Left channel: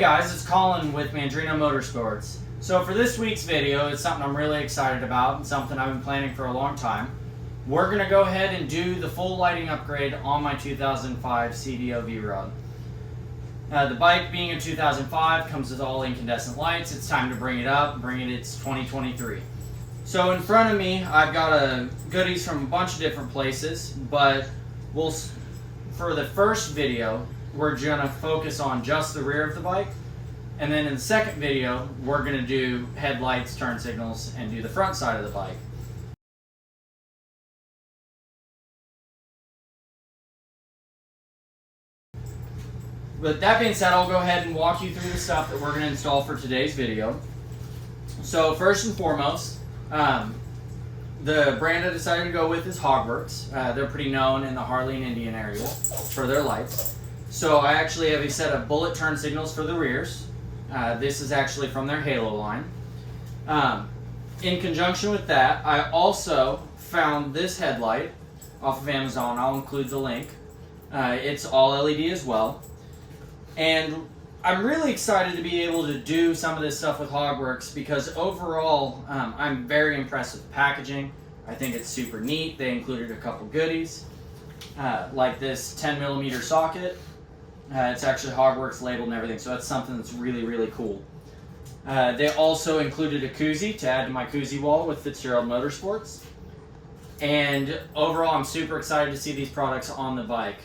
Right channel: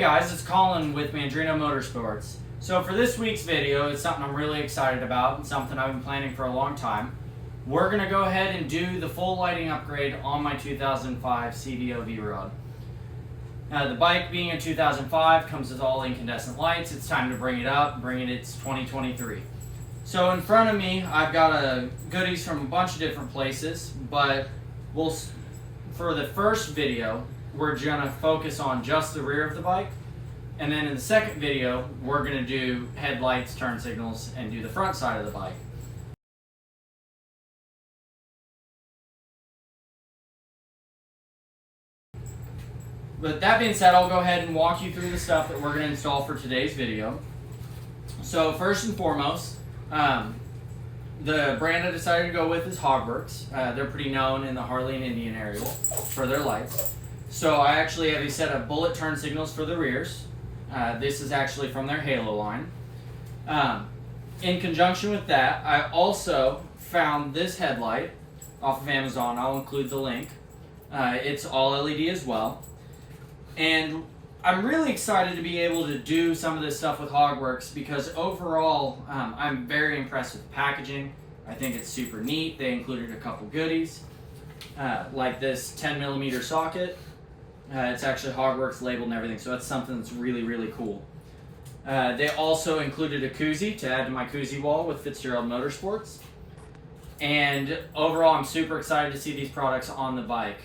guys, it's Colin with Mandrino Motorsports. So for this week's video, it's something I'm really excited about and something I've been planning for a long time. We're going to go ahead and do the full lighting upgrade on my 2005 CVO Vrod. The bike being a 2005 comes with all incandescent lights. It's time to bring it up, bring it it's 2023. So in front of me, I've got goodies from a bunch of different places, but for the first video, we're going to focus on just the rear of the bike. And then in the second video, we're going to do headlights, turn signals, and do the front side of the bike. With that being said, I'll go ahead and walk you through the stuff that we're going to install for today's video. So first and foremost, the brand I decided to go with is Hogworks. They're pretty known in the Harley and Indian area for their lights. So I actually have a set of bullet turn signals for the rears. This is actually from their Halo line. In conjunction with that, I also found this headlight off of Amazon. I'll include the link. It's all LED as well. And I'm really excited to be able to do some of this stuff with Hogworks because overall, I'm very impressed with the packaging. I think it's super neat. They included a couple goodies, like this 10mm socket. It's actually Hogworks labeled and everything, so that's something that's really, really cool. They also included a koozie to add to my koozie wall with Fitzgerald Motorsports. And overall, I'm super excited to see these products on the bike.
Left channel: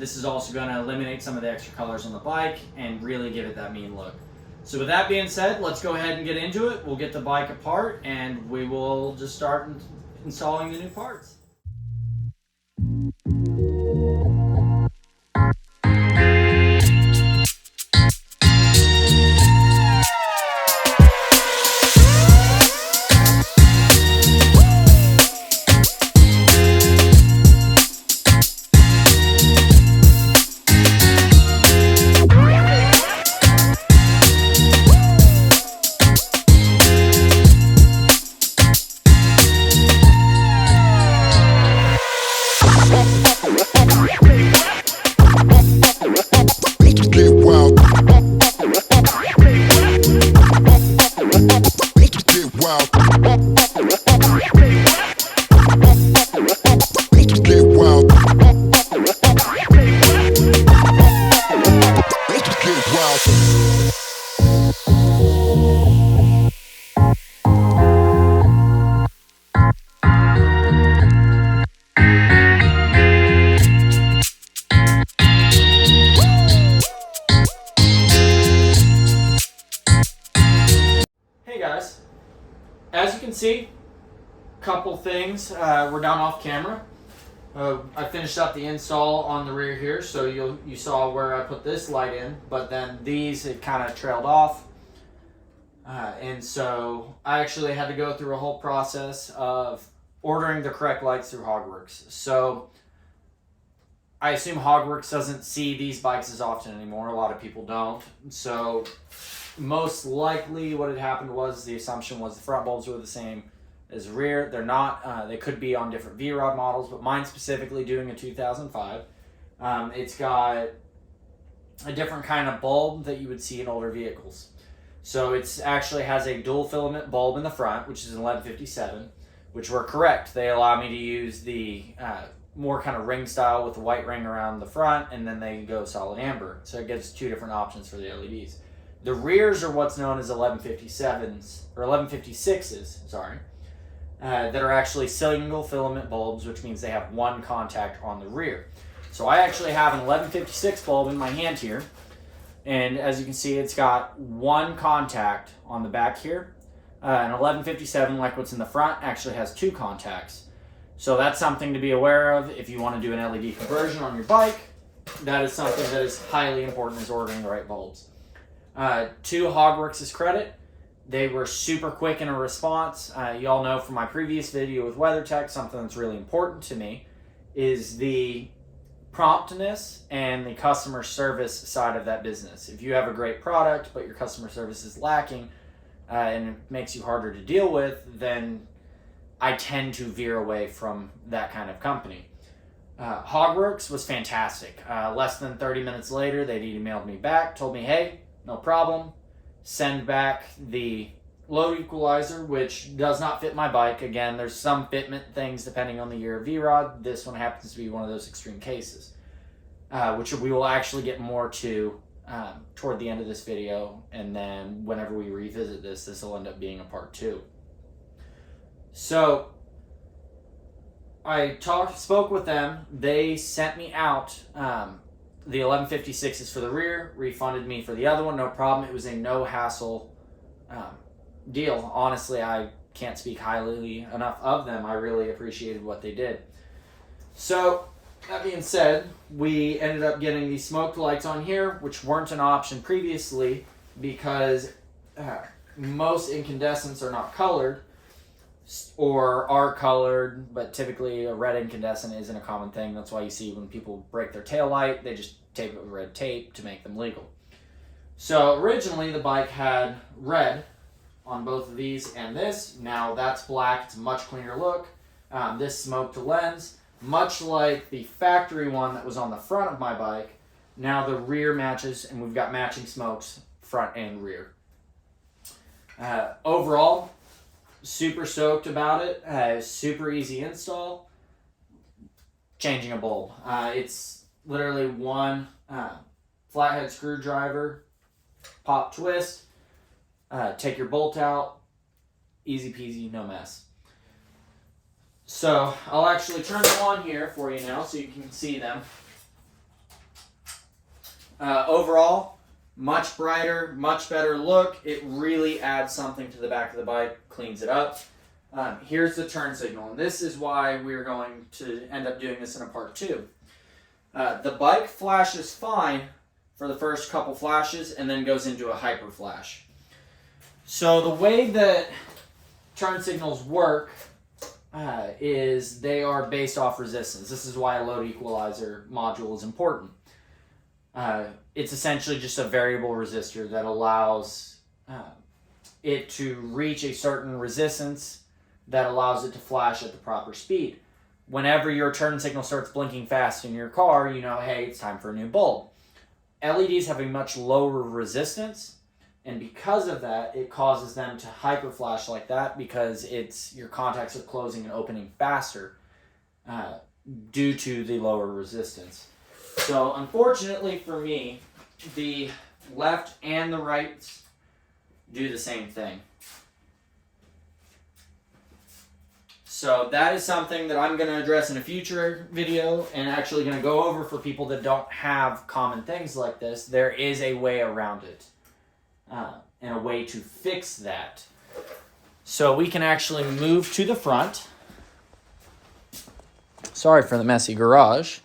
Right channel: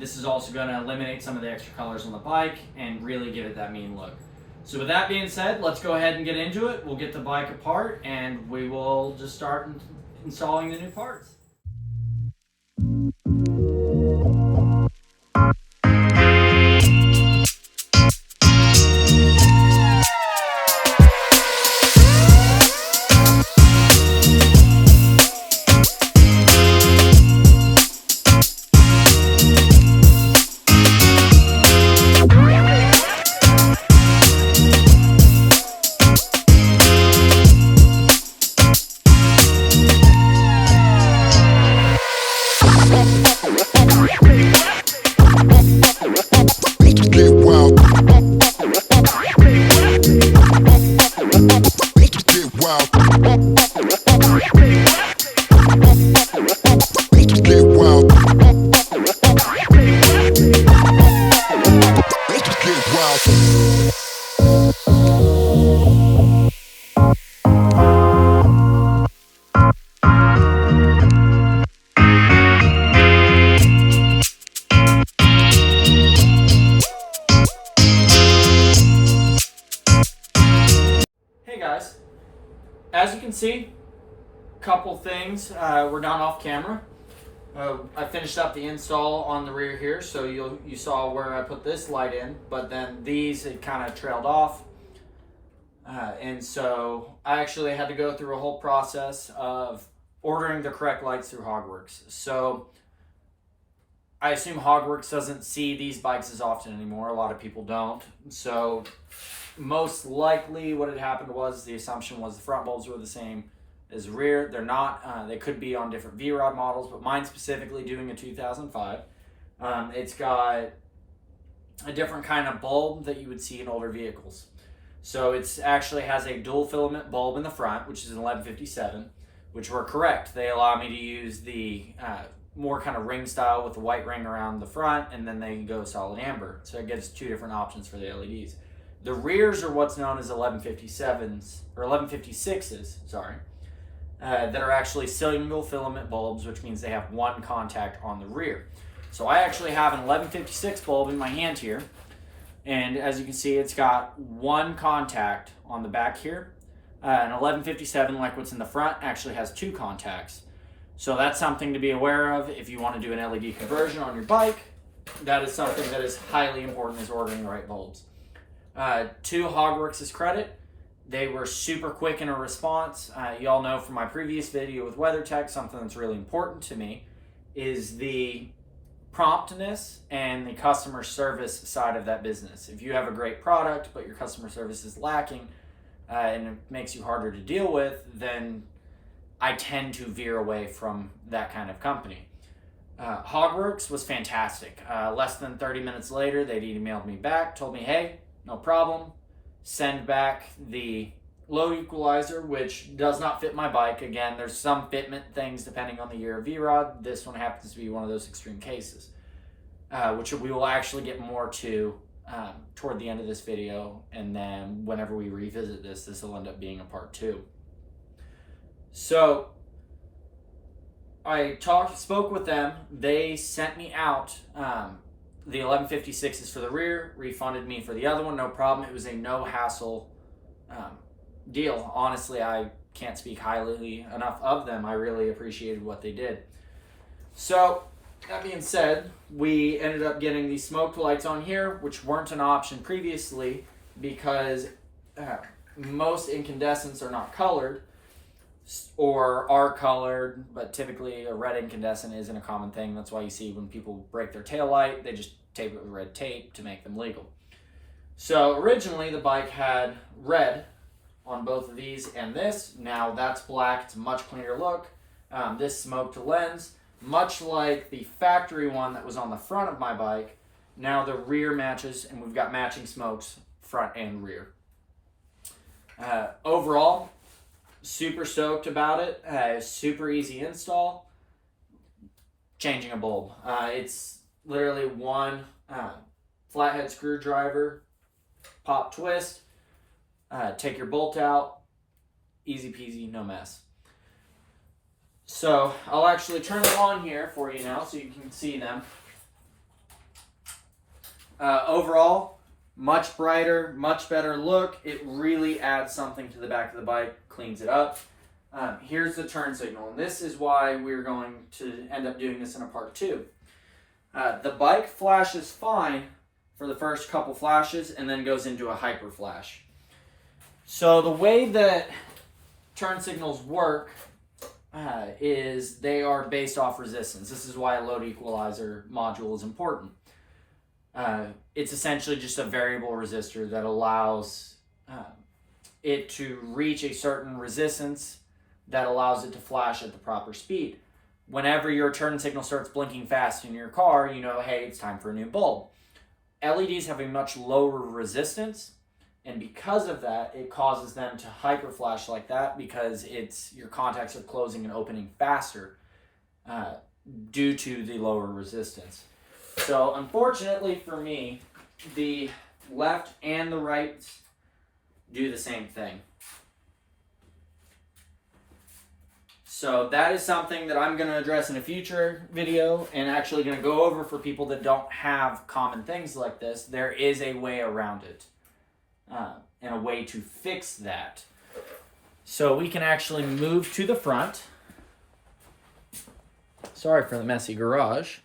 This is also going to eliminate some of the extra colors on the bike and really give it that mean look. So with that being said, let's go ahead and get into it. We'll get the bike apart and we will just start installing the new parts. As you can see, a couple things were done off camera. I finished up the install on the rear here, so you saw where I put this light in, but then these had kind of trailed off. And so I actually had to go through a whole process of ordering the correct lights through Hogworks. So I assume Hogworks doesn't see these bikes as often anymore. A lot of people don't. So most likely what had happened was the assumption was the front bulbs were the same as the rear. They're not. They could be on different Vrod models, but mine specifically doing a 2005. It's got a different kind of bulb that you would see in older vehicles. So it actually has a dual filament bulb in the front, which is an 1157, which were correct. They allow me to use the more kind of ring style with the white ring around the front, and then they go solid amber. So it gives two different options for the LEDs. The rears are what's known as 1157s, or 1156s, sorry, that are actually single filament bulbs, which means they have one contact on the rear. So I actually have an 1156 bulb in my hand here, and as you can see, it's got one contact on the back here. An 1157, like what's in the front, actually has two contacts. So that's something to be aware of if you want to do an LED conversion on your bike. That is something that is highly important, is ordering the right bulbs. To Hogworks' credit, they were super quick in a response. Y'all know from my previous video with WeatherTech, something that's really important to me is the promptness and the customer service side of that business. If you have a great product, but your customer service is lacking, and it makes you harder to deal with, then I tend to veer away from that kind of company. Hogworks was fantastic. Less than 30 minutes later, they emailed me back, told me, hey, no problem. Send back the load equalizer, which does not fit my bike. Again, there's some fitment things depending on the year of Vrod. This one happens to be one of those extreme cases, which we will actually get more to toward the end of this video, and then whenever we revisit this will end up being a part 2. So I spoke with them. They sent me out the 1156s for the rear, refunded me for the other one, no problem. It was a no hassle deal. Honestly, I can't speak highly enough of them. I really appreciated what they did. So that being said, we ended up getting these smoked lights on here, which weren't an option previously because most incandescents are not colored or are colored, but typically a red incandescent isn't a common thing. That's why you see when people break their tail light, they just tape it with red tape to make them legal. So originally the bike had red on both of these and this. Now that's black. It's a much cleaner look. This smoked lens, much like the factory one that was on the front of my bike. Now the rear matches, and we've got matching smokes front and rear. Overall, super stoked about it. Super easy install. Changing a bulb. It's literally one flathead screwdriver, pop, twist, take your bolt out, easy peasy, no mess. So I'll actually turn them on here for you now so you can see them. Overall, much brighter, much better look. It really adds something to the back of the bike, cleans it up. Here's the turn signal, and this is why we're going to end up doing this in a part 2. The bike flashes fine for the first couple flashes and then goes into a hyper flash. So the way that turn signals work is they are based off resistance. This is why a load equalizer module is important. It's essentially just a variable resistor that allows it to reach a certain resistance that allows it to flash at the proper speed. Whenever your turn signal starts blinking fast in your car, you know, hey, it's time for a new bulb. LEDs have a much lower resistance, and because of that, it causes them to hyper flash like that because your contacts are closing and opening faster due to the lower resistance. So unfortunately for me, the left and the right do the same thing. So that is something that I'm going to address in a future video and actually going to go over for people that don't have common things like this. There is a way around it and a way to fix that. So we can actually move to the front. Sorry for the messy garage.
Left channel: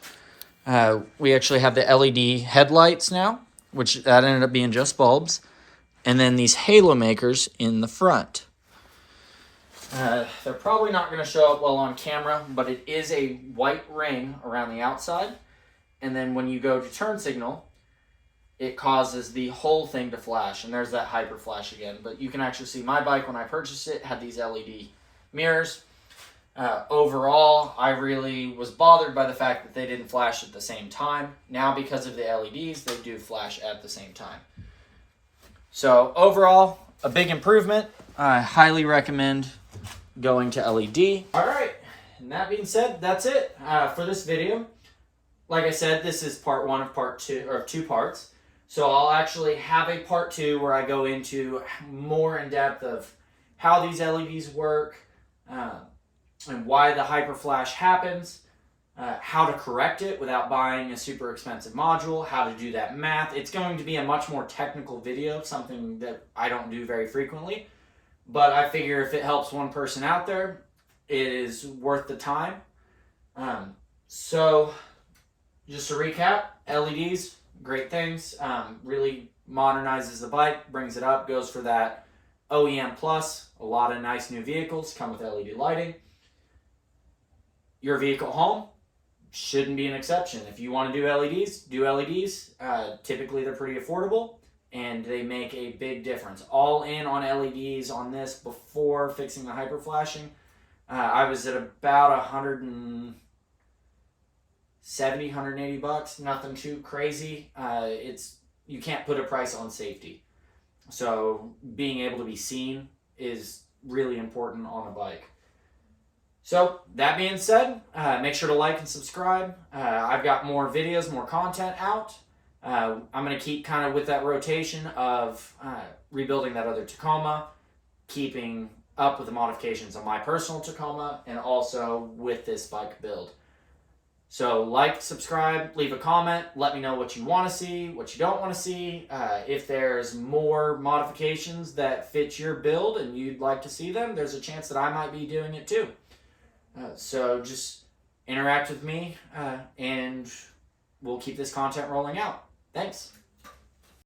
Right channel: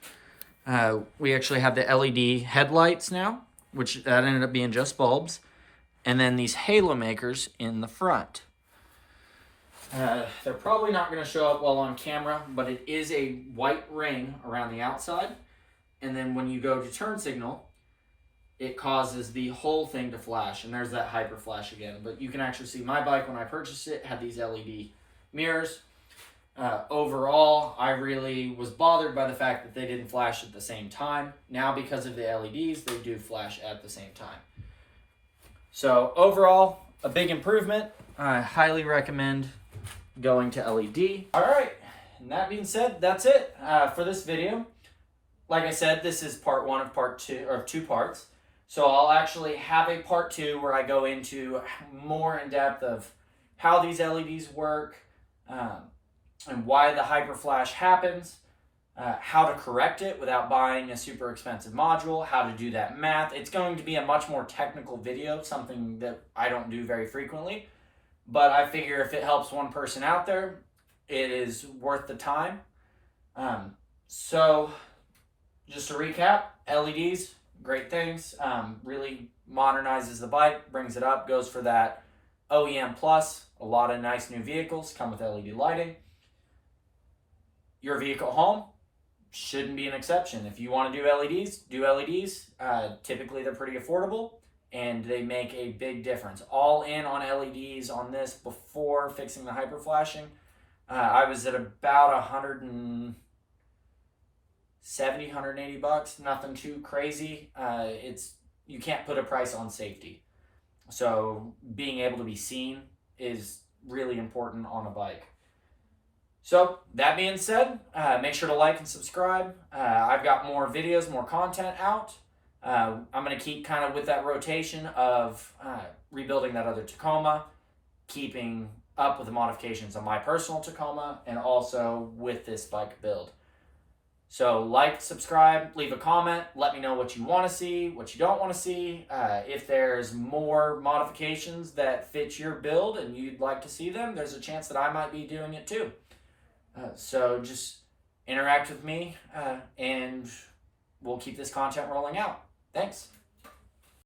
We actually have the LED headlights now, which that ended up being just bulbs. And then these halo makers in the front. They're probably not going to show up well on camera, but it is a white ring around the outside. And then when you go to turn signal, it causes the whole thing to flash. And there's that hyper flash again. But you can actually see my bike when I purchased it had these LED mirrors. Overall, I really was bothered by the fact that they didn't flash at the same time. Now, because of the LEDs, they do flash at the same time. So overall, a big improvement. I highly recommend going to LED. All right, and that being said, that's it for this video. Like I said, this is part 1 of part 2, or 2 parts. So I'll actually have a part 2 where I go into more in depth of how these LEDs work, and why the hyper flash happens, how to correct it without buying a super expensive module, how to do that math. It's going to be a much more technical video, something that I don't do very frequently. But I figure if it helps one person out there, it is worth the time. So just to recap, LEDs, great things. Really modernizes the bike, brings it up, goes for that OEM plus. A lot of nice new vehicles come with LED lighting. Your vehicle home shouldn't be an exception. If you want to do LEDs, do LEDs. Typically they're pretty affordable and they make a big difference. All in on LEDs on this before fixing the hyper flashing. I was at about $170, $180, nothing too crazy. It's you can't put a price on safety. So being able to be seen is really important on a bike. So that being said, make sure to like and subscribe. I've got more videos, more content out. I'm going to keep kind of with that rotation of rebuilding that other Tacoma, keeping up with the modifications on my personal Tacoma, and also with this bike build. So like, subscribe, leave a comment, let me know what you want to see, what you don't want to see. If there's more modifications that fit your build and you'd like to see them, there's a chance that I might be doing it too. So just interact with me and we'll keep this content rolling out. Thanks.